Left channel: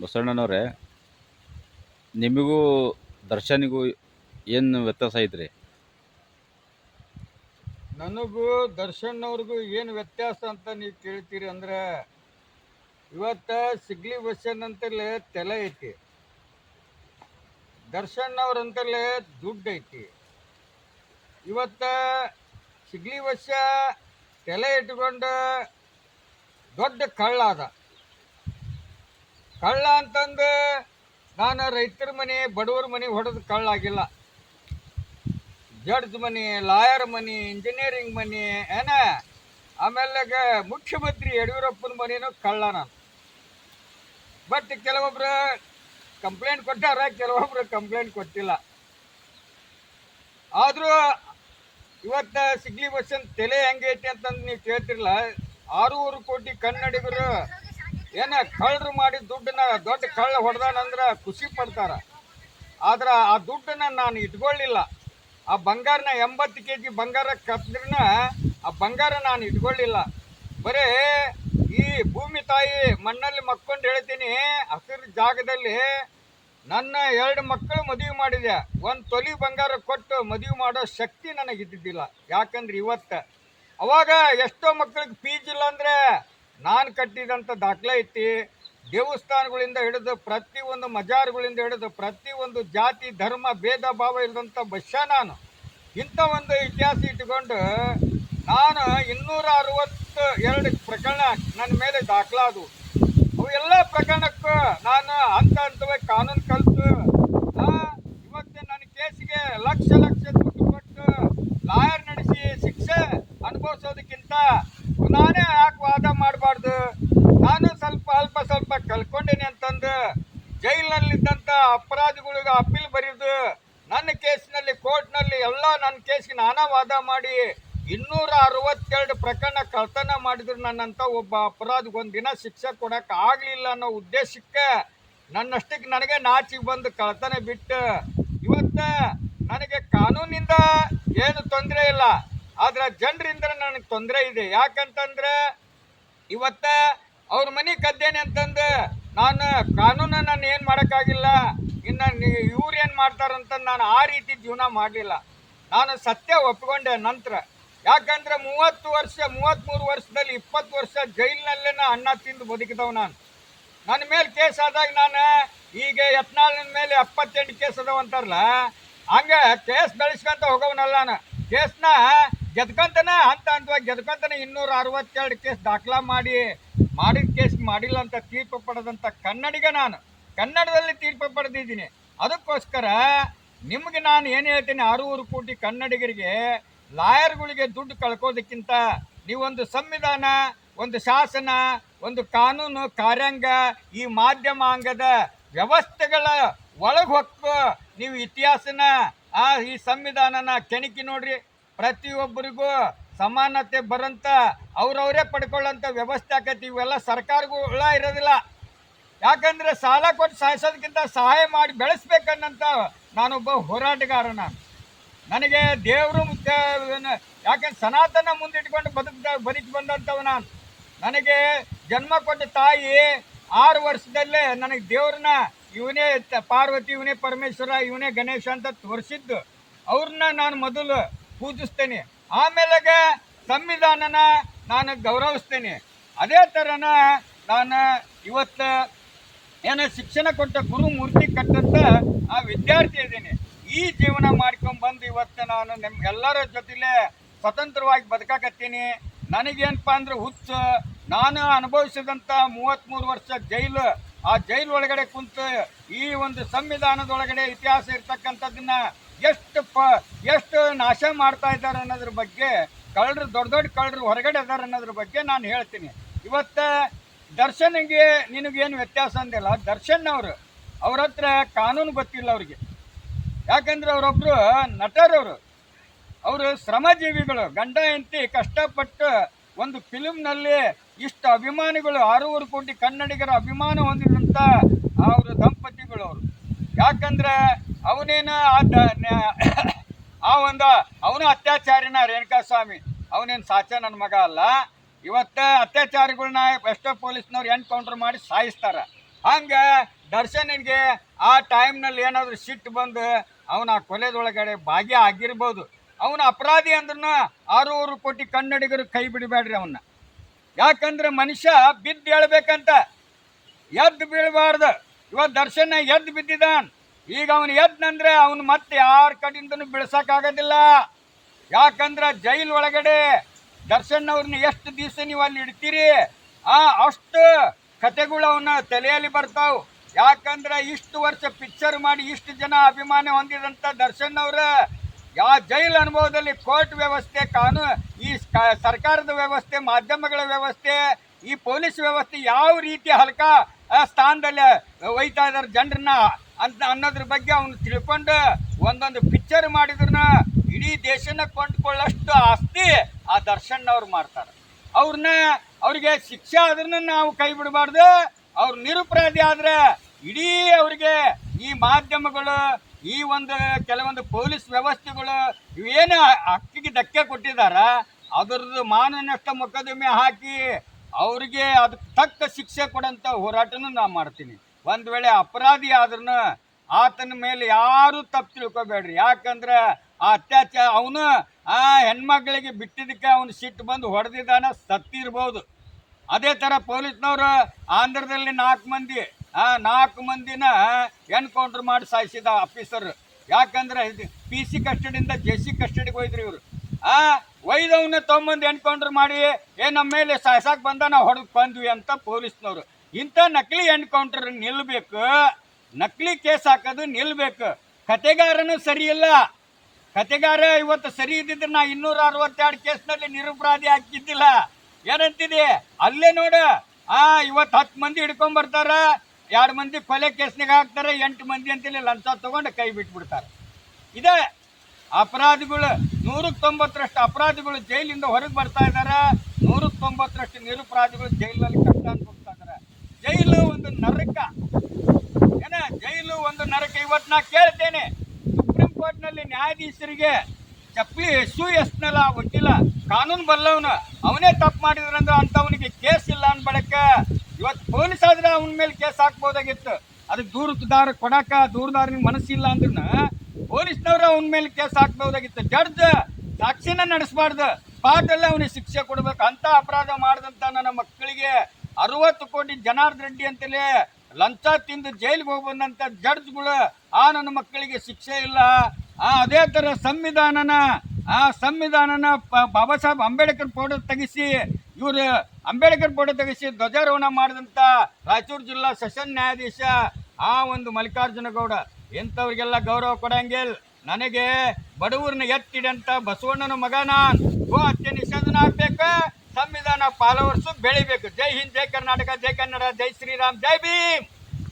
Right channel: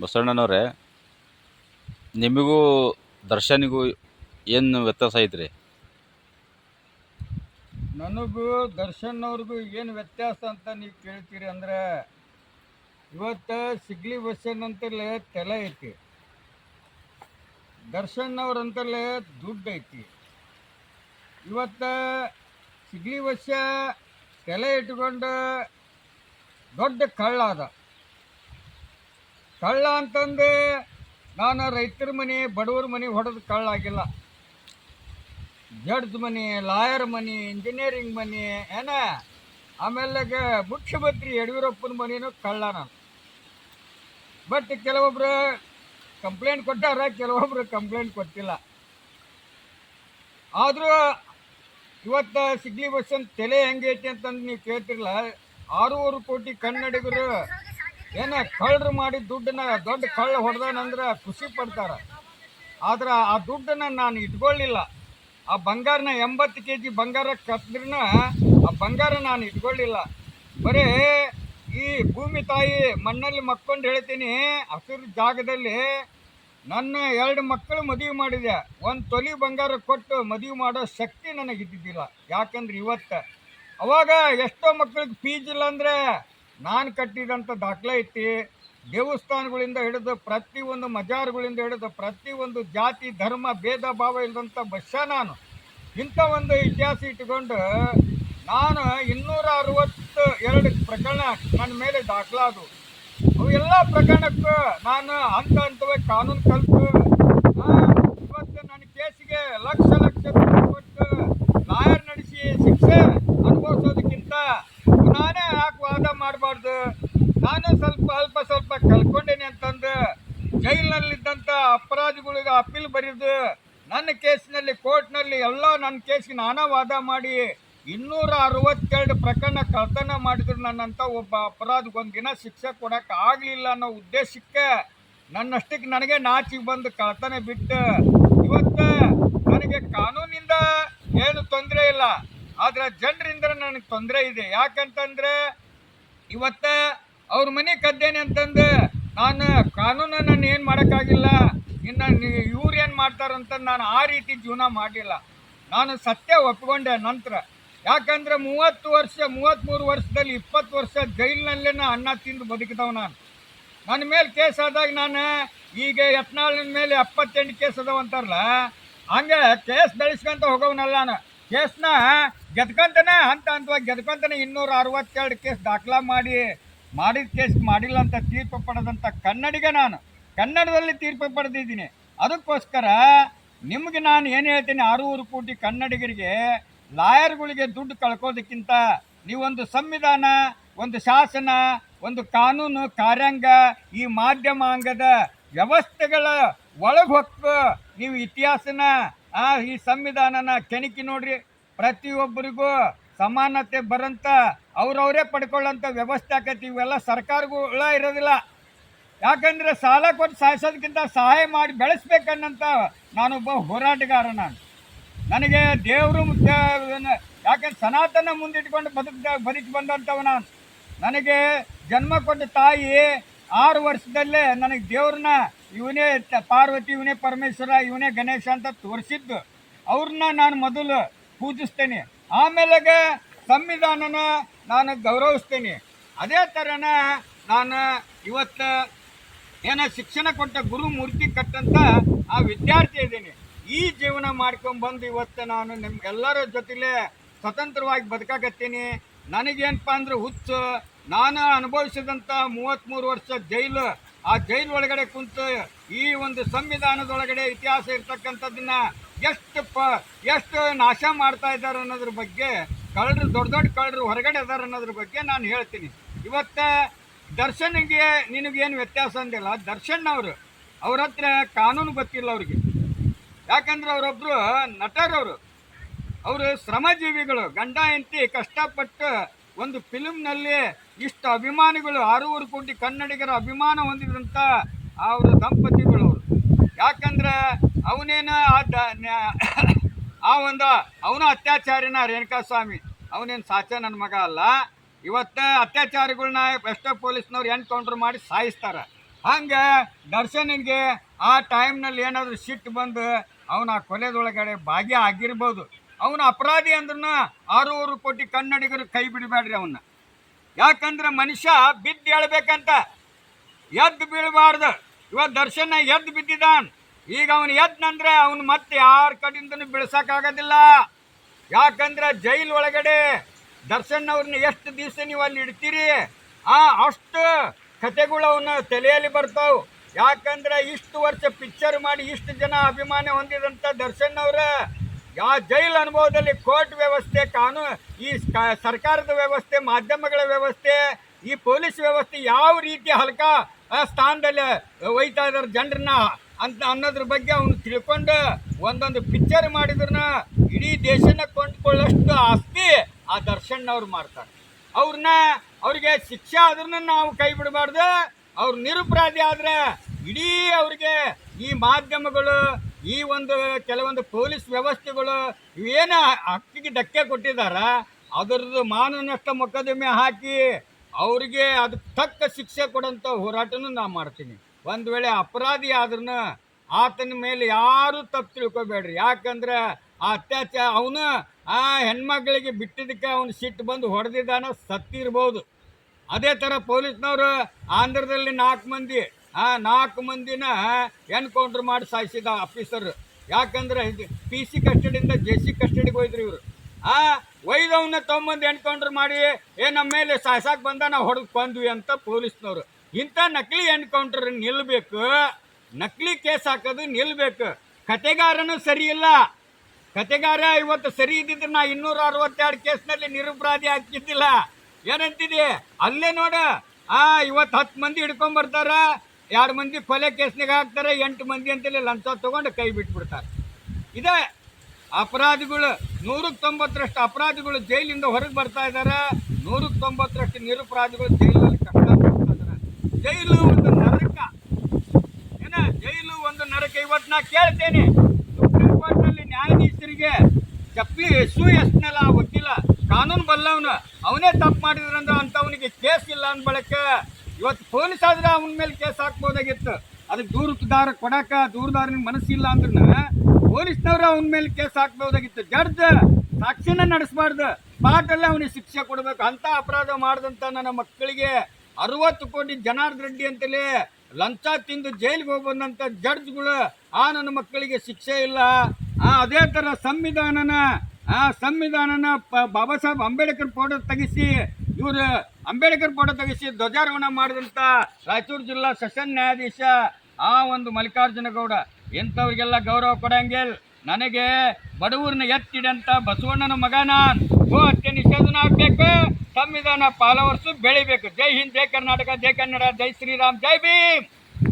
ಬಸವಣ್ಣನವ್ರೆ, ನಿಮಗೂ ದರ್ಶನಿಗೂ ಏನು ವ್ಯತ್ಯಾಸ ಐತ್ರಿ? ನನಗೂ ದರ್ಶನ್ ಅವ್ರಿಗೂ ಏನು ವ್ಯತ್ಯಾಸ ಅಂತ ನೀವು ಕೇಳ್ತೀರಿ ಅಂದ್ರೆ, ಇವತ್ತು ಸಿಗ್ಲಿ ಬಸ್ಸನ್ ಅಂತಲೇ ತಲೆ ಐತಿ, ದರ್ಶನ್ ಅವ್ರಂತಲೇ ದುಡ್ಡು ಐತಿ. ಇವತ್ತು ಸಿಗ್ಲಿ ಬಸ್ಸ ತಲೆ ಇಟ್ಕೊಂಡು ದೊಡ್ಡ ಕಳ್ಳ ಅದ. ಕಳ್ಳ ಅಂತಂದು ನಾನು ರೈತರ ಮನೆ ಬಡವ್ರ ಮನೆ ಹೊಡೆದು ಕಳ್ಳ ಆಗಿಲ್ಲ. ಜಡ್ಜ್ ಮನಿ, ಲಾಯರ್ ಮನಿ, ಇಂಜಿನಿಯರಿಂಗ್ ಮನಿ ಏನ, ಆಮೇಲೆ ಮುಖ್ಯಮಂತ್ರಿ ಯಡಿಯೂರಪ್ಪನ ಮನಿನೂ ಕಳ್ಳ ನಾನು. ಬಟ್ ಕೆಲವೊಬ್ರು ಕಂಪ್ಲೇಂಟ್ ಕೊಟ್ಟಾರ, ಕೆಲವೊಬ್ರು ಕಂಪ್ಲೇಂಟ್ ಕೊಟ್ಟಿಲ್ಲ. ಆದರೂ ಇವತ್ತು ಸಿಗ್ಲಿ ಬಸ್ಸನ್ ತಲೆ ಹೆಂಗೈತಿ ಅಂತಂದು ನೀವು ಕೇಳ್ತಿರಲ್ಲ. 6 ಕೋಟಿ ಕನ್ನಡಿಗರು ಏನ ಕಳ್ಳರು ಮಾಡಿ ದುಡ್ಡನ್ನ ದೊಡ್ಡ ಕಳ್ಳ ಹೊಡೆದಾನಂದ್ರೆ ಖುಷಿ ಪಡ್ತಾರ. ಆದ್ರೆ ಆ ದುಡ್ಡನ್ನ ನಾನು ಇಟ್ಕೊಳ್ಳಿಲ್ಲ. ಆ ಬಂಗಾರನ 80 kg ಬಂಗಾರ ಕದ್ರನ ಆ ಬಂಗಾರ ನಾನು ಇಟ್ಕೊಳ್ಳಿಲ್ಲ. ಬರೀ ಈ ಭೂಮಿ ತಾಯಿ ಮಣ್ಣಲ್ಲಿ ಮಕ್ಕೊಂಡು ಹೇಳ್ತೀನಿ, ಹಸಿರು ಜಾಗದಲ್ಲಿ ನನ್ನ 2 ಮಕ್ಕಳು ಮದುವೆ ಮಾಡಿದೆ. 1 ತೊಲಿ ಬಂಗಾರ ಕೊಟ್ಟು ಮದುವೆ ಮಾಡೋ ಶಕ್ತಿ ನನಗಿದ್ದಿದ್ದಿಲ್ಲ. ಯಾಕಂದ್ರೆ ಇವತ್ತು ಅವಾಗ ಎಷ್ಟೋ ಮಕ್ಕಳಿಗೆ ಫೀಸ್ ಇಲ್ಲ ಅಂದರೆ ನಾನು ಕಟ್ಟಿದಂಥ ದಾಖಲೆ ಐತಿ. ದೇವಸ್ಥಾನಗಳಿಂದ ಹಿಡಿದು ಪ್ರತಿಯೊಂದು ಮಜಾರ್ಗಳಿಂದ ಹಿಡಿದು ಪ್ರತಿಯೊಂದು ಜಾತಿ ಧರ್ಮ ಭೇದ ಭಾವ ಇಲ್ಲದಂಥ ಬಸ್ಸ ನಾನು. ಇಂಥ ಒಂದು ಇತಿಹಾಸ ಇಟ್ಟುಕೊಂಡು ನಾನು 262 ಪ್ರಕರಣ ನನ್ನ ಮೇಲೆ ದಾಖಲಾದವು. ಅವು ಎಲ್ಲ ಪ್ರಕರಣಕ್ಕೂ ನಾನು ಹಂತವಾಗಿ ಕಾನೂನು ಕಲಿತು ಇವತ್ತು ನನ್ನ ಕೇಸಿಗೆ ಲಕ್ಷ ದುಡ್ಡು ಕೊಟ್ಟು ಲಾಯರ್ ನಡೆಸಿ ಶಿಕ್ಷೆ ಅನುಭವಿಸೋದಕ್ಕಿಂತ ನಾನೇ ಯಾಕೆ ವಾದ ಮಾಡಬಾರ್ದು? ನಾನು ಅಲ್ಪ ಸ್ವಲ್ಪ ಕಲ್ಕೊಂಡೇನೆ ಅಂತಂದು ಜೈಲಿನಲ್ಲಿದ್ದಂಥ ಅಪರಾಧಿಗಳಿಗೆ ಅಪೀಲ್ ಬರೆದು ನನ್ನ ಕೇಸಿನಲ್ಲಿ ಕೋರ್ಟ್ನಲ್ಲಿ ಎಲ್ಲ ನನ್ನ ಕೇಸಿಗೆ ನಾನಾ ವಾದ ಮಾಡಿ 262 ಪ್ರಕರಣ ಕಳ್ತನ ಮಾಡಿದ್ರು ನನ್ನಂಥ ಒಬ್ಬ ಅಪರಾಧಿಗೆ ಒಂದಿನ ಶಿಕ್ಷೆ ಕೊಡೋಕೆ ಆಗಲಿಲ್ಲ ಅನ್ನೋ ಉದ್ದೇಶಕ್ಕೆ ನನ್ನಷ್ಟಕ್ಕೆ ನನಗೆ ನಾಚಿಗೆ ಬಂದು ಕಳ್ತನ ಬಿಟ್ಟು ಇವತ್ತು ನನಗೆ ಕಾನೂನಿಂದ ಏನು ತೊಂದರೆ ಇಲ್ಲ, ಆದರೆ ಜನರಿಂದ ನನಗೆ ತೊಂದರೆ ಇದೆ. ಯಾಕಂತಂದ್ರೆ ಇವತ್ತು ಅವ್ರ ಮನೆ ಕದ್ದೇನೆ ಅಂತಂದು ನಾನು ಕಾನೂನು ನಾನು ಏನು ಮಾಡೋಕ್ಕಾಗಿಲ್ಲ. ಇನ್ನು ಇವ್ರು ಏನು ಮಾಡ್ತಾರಂತ ನಾನು ಆ ರೀತಿ ಜೀವನ ಮಾಡಲಿಲ್ಲ. ನಾನು ಸತ್ಯ ಒಪ್ಪಿಕೊಂಡೆ ನಂತರ. ಯಾಕಂದ್ರೆ 33 ವರ್ಷದಲ್ಲಿ 20 ವರ್ಷ ಜೈಲಿನಲ್ಲೇ ಅನ್ನ ತಿಂದು ಬದುಕಿದವ ನಾನು. ನನ್ನ ಮೇಲೆ ಕೇಸ್ ಆದಾಗ ನಾನು ಈಗ ಯತ್ನಾಳನ ಮೇಲೆ 78 ಕೇಸ್ ಅದಾವ ಅಂತಾರಲ್ಲ, ಹಂಗೆ ಕೇಸ್ ಬೆಳೆಸ್ಕೊಂತ ಹೋಗೋವನಲ್ಲ ನಾನು. ಕೇಸ್ನ ಗೆದ್ಕೊಂತಾನೆ ಹಂತವಾಗಿ ಗೆದ್ಕೊಂತಾನೆ 262 ಕೇಸ್ ದಾಖಲಾ ಮಾಡಿದ ಕೇಸ್ ಮಾಡಿಲ್ಲ ಅಂತ ತೀರ್ಪು ಪಡೆದಂಥ ಕನ್ನಡಿಗ ನಾನು. ಕನ್ನಡದಲ್ಲಿ ತೀರ್ಪು ಪಡೆದಿದ್ದೀನಿ. ಅದಕ್ಕೋಸ್ಕರ ನಿಮಗೆ ನಾನು ಏನು ಹೇಳ್ತೀನಿ, 6 ಕೋಟಿ ಕನ್ನಡಿಗರಿಗೆ ಲಾಯರ್ಗಳಿಗೆ ದುಡ್ಡು ಕಳ್ಕೋದಕ್ಕಿಂತ ನೀವೊಂದು ಸಂವಿಧಾನ, ಒಂದು ಶಾಸನ, ಒಂದು ಕಾನೂನು ಕಾರ್ಯಾಂಗ, ಈ ಮಾಧ್ಯಮಾಂಗದ ವ್ಯವಸ್ಥೆಗಳ ಒಳಗೆ ಹೊಕ್ಕು ನೀವು ಇತಿಹಾಸನ ಈ ಸಂವಿಧಾನನ ಕೆಣಕಿ ನೋಡ್ರಿ. ಪ್ರತಿಯೊಬ್ಬರಿಗೂ ಸಮಾನತೆ ಬರಂತ ಅವ್ರವರೇ ಪಡ್ಕೊಳ್ಳೋಂಥ ವ್ಯವಸ್ಥೆ ಆಕೈತಿ. ಇವೆಲ್ಲ ಸರ್ಕಾರಗಳ ಇರೋದಿಲ್ಲ. ಯಾಕಂದರೆ ಸಾಲ ಕೊಟ್ಟು ಸಾಯಿಸೋದಕ್ಕಿಂತ ಸಹಾಯ ಮಾಡಿ ಬೆಳೆಸ್ಬೇಕನ್ನಂತ ನಾನೊಬ್ಬ ಹೋರಾಟಗಾರ. ನನಗೆ ದೇವರು ಮುಖ್ಯ. ಯಾಕಂದ್ರೆ ಸನಾತನ ಮುಂದಿಟ್ಕೊಂಡು ಬದುಕಿ ಬಂದಂಥವು ನಾನು. ನನಗೆ ಜನ್ಮ ಕೊಟ್ಟ ತಾಯಿ 6 ವರ್ಷದಲ್ಲೇ ನನಗೆ ದೇವ್ರನ್ನ ಇವನೇ ಪಾರ್ವತಿ, ಇವನೇ ಪರಮೇಶ್ವರ, ಇವನೇ ಗಣೇಶ ಅಂತ ತೋರಿಸಿದ್ದು. ಅವ್ರನ್ನ ನಾನು ಮೊದಲು ಪೂಜಿಸ್ತೇನೆ, ಆಮೇಲೆ ಸಂವಿಧಾನನ ನಾನು ಗೌರವಿಸ್ತೇನೆ. ಅದೇ ಥರನ ನಾನು ಇವತ್ತು ಶಿಕ್ಷಣ ಕೊಟ್ಟ ಗುರುಮೂರ್ತಿ ಕಟ್ಟಂತ ಆ ವಿದ್ಯಾರ್ಥಿ ಇದ್ದೀನಿ. ಈ ಜೀವನ ಮಾಡ್ಕೊಂಡ್ಬಂದು ಇವತ್ತು ನಾನು ನಿಮ್ಗೆಲ್ಲರ ಜೊತೆಲೇ ಸ್ವತಂತ್ರವಾಗಿ ಬದುಕಾಕತ್ತೀನಿ. ನನಗೇನಪ್ಪ ಅಂದ್ರೆ ಹುಚ್ಚು, ನಾನು ಅನುಭವಿಸಿದಂಥ 33 ವರ್ಷ ಜೈಲು, ಆ ಜೈಲು ಒಳಗಡೆ ಕುಂತು ಈ ಒಂದು ಸಂವಿಧಾನದೊಳಗಡೆ ಇತಿಹಾಸ ಇರ್ತಕ್ಕಂಥದ್ದನ್ನ ಎಷ್ಟು ನಾಶ ಮಾಡ್ತಾ ಇದ್ದಾರೆ ಅನ್ನೋದ್ರ ಬಗ್ಗೆ, ಕಳ್ಳರು ದೊಡ್ಡ ಕಳ್ಳರು ಹೊರಗಡೆ ಇದ್ದಾರೆ ಅನ್ನೋದ್ರ ಬಗ್ಗೆ ನಾನು ಹೇಳ್ತೀನಿ. ಇವತ್ತು ದರ್ಶನ್ಗೆ ನಿನಗೇನು ವ್ಯತ್ಯಾಸ ಅಂದಿಲ್ಲ. ದರ್ಶನ್ ಅವ್ರ ಹತ್ರ ಕಾನೂನು ಗೊತ್ತಿಲ್ಲ ಅವ್ರಿಗೆ. ಯಾಕಂದ್ರೆ ಅವರೊಬ್ಬರು ನಟರವರು, ಅವರು ಶ್ರಮಜೀವಿಗಳು. ಗಂಡ ಹೆಂಡತಿ ಕಷ್ಟಪಟ್ಟು ಒಂದು ಫಿಲ್ಮ್ನಲ್ಲಿ ಇಷ್ಟು ಅಭಿಮಾನಿಗಳು, 6 ಕೋಟಿ ಕನ್ನಡಿಗರ ಅಭಿಮಾನ ಹೊಂದಿದಂಥ ಅವರು ದಂಪತಿಗಳು ಅವರು. ಯಾಕಂದ್ರೆ ಅವನೇನ ಅವನು ಅತ್ಯಾಚಾರಿನ ರೇಣುಕಾಸ್ವಾಮಿ, ಅವನೇನು ಸಾಚ ನನ್ನ ಮಗ ಅಲ್ಲ. ಇವತ್ತು ಅತ್ಯಾಚಾರಿಗಳನ್ನ ಎಷ್ಟೋ ಪೊಲೀಸ್ನವ್ರು ಎನ್ಕೌಂಟರ್ ಮಾಡಿ ಸಾಯಿಸ್ತಾರೆ. ಹಂಗೆ ದರ್ಶನಿಗೆ ಆ ಟೈಮ್ನಲ್ಲಿ ಏನಾದರೂ ಸಿಟ್ಟು ಬಂದು ಅವನ ಆ ಕೊಲೆದೊಳಗಡೆ ಭಾಗ್ಯ ಆಗಿರ್ಬೋದು. ಅವನ ಅಪರಾಧಿ ಅಂದ್ರೂ 6 ಕೋಟಿ ಕನ್ನಡಿಗರು ಕೈ ಬಿಡಬೇಡ್ರಿ ಅವನ್ನ. ಯಾಕಂದ್ರೆ ಮನುಷ್ಯ ಬಿದ್ದು ಹೇಳ್ಬೇಕಂತ, ಎದ್ದು ಬೀಳಬಾರ್ದು. ಇವತ್ತು ದರ್ಶನ ಎದ್ದು ಬಿದ್ದಿದ್ದಾನ, ಈಗ ಅವನು ಎದ್ನಂದ್ರೆ ಅವನು ಮತ್ತೆ ಯಾರ ಕಡೆಯಿಂದನೂ ಬಿಳ್ಸಕ್ಕಾಗೋದಿಲ್ಲ. ಯಾಕಂದ್ರೆ ಜೈಲ್ ಒಳಗಡೆ ದರ್ಶನ್ ಅವ್ರನ್ನ ಎಷ್ಟು ದಿವಸ ನೀವು ಅಲ್ಲಿ ಇಡ್ತೀರಿ, ಅಷ್ಟು ಕತೆಗಳು ಅವನ ತಲೆಯಲ್ಲಿ ಬರ್ತಾವೆ. ಯಾಕಂದ್ರೆ ಇಷ್ಟು ವರ್ಷ ಪಿಕ್ಚರ್ ಮಾಡಿ ಇಷ್ಟು ಜನ ಅಭಿಮಾನ ಹೊಂದಿದಂಥ ದರ್ಶನ್ ಅವರ ಜೈಲ್ ಅನುಭವದಲ್ಲಿ ಕೋರ್ಟ್ ವ್ಯವಸ್ಥೆ, ಕಾನೂನು, ಈ ಸರ್ಕಾರದ ವ್ಯವಸ್ಥೆ, ಮಾಧ್ಯಮಗಳ ವ್ಯವಸ್ಥೆ, ಈ ಪೊಲೀಸ್ ವ್ಯವಸ್ಥೆ ಯಾವ ರೀತಿ ಹಲ್ಕ ಸ್ಥಾನದಲ್ಲಿ ಒಯ್ತಾ ಇದ್ದಾರೆ ಜನರನ್ನ ಅಂತ ಅನ್ನೋದ್ರ ಬಗ್ಗೆ ಅವನು ತಿಳ್ಕೊಂಡು ಒಂದೊಂದು ಪಿಕ್ಚರ್ ಮಾಡಿದ್ರನ್ನ ಇಡೀ ದೇಶನ ಕೊಂಡ್ಕೊಳ್ಳೋಷ್ಟು ಆಸ್ತಿ ಆ ದರ್ಶನ್ ಅವ್ರು ಮಾಡ್ತಾರೆ. ಅವ್ರಿಗೆ ಶಿಕ್ಷೆ ಆದ್ರೂ ನಾವು ಕೈ ಬಿಡಬಾರ್ದು. ಅವ್ರು ನಿರಪರಾಧಿ ಆದ್ರೆ ಇಡೀ ಅವ್ರಿಗೆ ಈ ಮಾಧ್ಯಮಗಳು, ಈ ಕೆಲವೊಂದು ಪೊಲೀಸ್ ವ್ಯವಸ್ಥೆಗಳು ಇವೇನು ಹಕ್ಕಿಗೆ ಧಕ್ಕೆ ಕೊಟ್ಟಿದಾರ, ಅದರದ್ದು ಮಾನನಷ್ಟ ಮೊಕದ್ದಮೆ ಹಾಕಿ ಅವ್ರಿಗೆ ಅದಕ್ಕೆ ತಕ್ಕ ಶಿಕ್ಷೆ ಕೊಡೋಂಥ ಹೋರಾಟನೂ ನಾನು ಮಾಡ್ತೀನಿ. ಒಂದು ವೇಳೆ ಅಪರಾಧಿ ಆದ್ರೂ ಆತನ ಮೇಲೆ ಯಾರೂ ತಪ್ಪು ತಿಳ್ಕೊಬೇಡ್ರಿ. ಯಾಕಂದ್ರೆ ಆ ಅತ್ಯಾಚಾರ ಅವನು ಆ ಹೆಣ್ಮಕ್ಳಿಗೆ ಬಿಟ್ಟಿದ್ದಕ್ಕೆ ಅವನು ಸಿಟ್ಟು ಬಂದು ಹೊಡೆದಿದ್ದಾನ, ಸತ್ತಿರ್ಬೋದು. ಅದೇ ಥರ ಪೊಲೀಸ್ನವರು ಆಂಧ್ರದಲ್ಲಿ 4 ಮಂದಿನ ಎನ್ಕೌಂಟ್ರ್ ಮಾಡಿ ಸಾಯಿಸಿದ ಆಫೀಸರ್. ಯಾಕಂದ್ರೆ PC ಕಸ್ಟಡಿಯಿಂದ JC ಕಸ್ಟಡಿಗೆ ಹೋಯ್ದ್ರಿ ಇವರು. ಒಯ್ದವನ್ನ ತೊಗೊಂಬಂದು ಎನ್ಕೌಂಟ್ರ್ ಮಾಡಿ ನಮ್ಮ ಮೇಲೆ ಸಾಯ್ಸಾಕ್ ಬಂದ ನಾವು ಹೊಡೆದು ಕೊಂದ್ವಿ ಅಂತ ಪೊಲೀಸ್ನವರು. ಇಂಥ ನಕಲಿ ಎನ್ಕೌಂಟ್ರ್ ನಿಲ್ಲಬೇಕು, ನಕಲಿ ಕೇಸ್ ಹಾಕೋದು ನಿಲ್ಲಬೇಕು. ಕತೆಗಾರನೂ ಸರಿ ಇಲ್ಲ. ಕತೆಗಾರ ಇವತ್ತು ಸರಿ ಇದ್ದಿದ್ರೆ ನಾ 262 ಕೇಸ್ನಲ್ಲಿ ನಿರಪರಾಧಿ ಹಾಕಿದ್ದಿಲ್ಲ. ಏನಂತಿದೆ ಅಲ್ಲೇ ನೋಡು, ಇವತ್ತು 10 ಮಂದಿ ಹಿಡ್ಕೊಂಡ್ಬರ್ತಾರ, 2 ಮಂದಿ ಕೊಲೆ ಕೇಸ್ನಾಗ ಹಾಕ್ತಾರೆ, 8 ಮಂದಿ ಅಂತೇಳಿ ಲಂಚ ತೊಗೊಂಡು ಕೈ ಬಿಟ್ಬಿಡ್ತಾರೆ. ಇದೇ ಅಪರಾಧಿಗಳು 190ರಷ್ಟು ಅಪರಾಧಿಗಳು ಜೈಲಿಂದ ಹೊರಗೆ ಬರ್ತಾ ಇದ್ದಾರೆ, 190ರಷ್ಟು ನಿರಪರಾಧಿಗಳು ಜೈಲಲ್ಲಿ ಕಟ್ಕೊಂಡು ಹೋಗ್ತಾ ಇದ್ದಾರೆ. ಜೈಲು ಒಂದು ನರಕ, ಜೈಲು ಒಂದು ನರಕ. ಇವತ್ತು ನಾ ಕೇಳ್ತೇನೆ, ಸುಪ್ರೀಂ ಕೋರ್ಟ್ನಲ್ಲಿ ನ್ಯಾಯಾಧೀಶರಿಗೆ ಚಪ್ಪಲಿ SUSನಲ್ಲ ಗೊತ್ತಿಲ್ಲ, ಕಾನೂನು ಬಲ್ಲವನು, ಅವನೇ ತಪ್ಪು ಮಾಡಿದ್ರಂದ್ರೆ ಅಂಥವನಿಗೆ ಕೇಸ್ ಇಲ್ಲ ಅಂದ ಬಳಿಕ ಇವತ್ತು ಪೊಲೀಸ್ ಆದ್ರೆ ಅವನ ಮೇಲೆ ಕೇಸ್ ಹಾಕ್ಬೋದಾಗಿತ್ತು. ಅದಕ್ಕೆ ದೂರದಾರನಿಗೆ ಮನಸ್ಸಿಲ್ಲ ಅಂದ್ರೆ ಪೊಲೀಸ್ನವರು ಅವನ ಮೇಲೆ ಕೇಸ್ ಹಾಕ್ಬೋದಾಗಿತ್ತು. ಜಡ್ಜ್ ಸಾಕ್ಷಿನ ನಡೆಸಬಾರ್ದು, ಸ್ಪಾಟಲ್ಲೇ ಅವನಿಗೆ ಶಿಕ್ಷೆ ಕೊಡಬೇಕು. ಅಂಥ ಅಪರಾಧ ಮಾಡಿದಂಥ ನನ್ನ ಮಕ್ಕಳಿಗೆ 60 ಕೋಟಿ ಜನಾರ್ದನ್ ರೆಡ್ಡಿ ಅಂತಲೇ ಲಂಚ ತಿಂದು ಜೈಲಿಗೆ ಹೋಗಿ ಬಂದಂಥ ಜಡ್ಜ್ಗಳು ನನ್ನ ಮಕ್ಕಳಿಗೆ ಶಿಕ್ಷೆ ಇಲ್ಲ. ಅದೇ ಥರ ಸಂವಿಧಾನನ ಬಾಬಾ ಸಾಹೇಬ್ ಅಂಬೇಡ್ಕರ್ ಫೋಟೋ ತೆಗಿಸಿ ಅಂಬೇಡ್ಕರ್ ಫೋಟೋ ತೆಗಿಸಿ ಧ್ವಜಾರೋಹಣ ಮಾಡಿದಂಥ ರಾಯಚೂರು ಜಿಲ್ಲಾ ಸೆಷನ್ ನ್ಯಾಯಾಧೀಶ ಮಲ್ಲಿಕಾರ್ಜುನ ಗೌಡ ಇಂಥವ್ರಿಗೆಲ್ಲ ಗೌರವ ಕೊಡಂಗಿಲ್ಲ. ನನಗೆ ಬಡವರನ್ನ ಎತ್ತಿಡಂತ ಬಸವಣ್ಣನ ಮಗನ ಗೋ ಹತ್ಯೆ ನಿಷೇಧನ ಆಗಬೇಕು, ಸಂವಿಧಾನ ಫಾಲೋವರ್ಸು ಬೆಳಿಬೇಕು. ಜೈ ಹಿಂದ್, ಜೈ ಕರ್ನಾಟಕ, ಜೈ ಕನ್ನಡ, ಜೈ ಶ್ರೀರಾಮ್, ಜೈ ಭೀಮ್.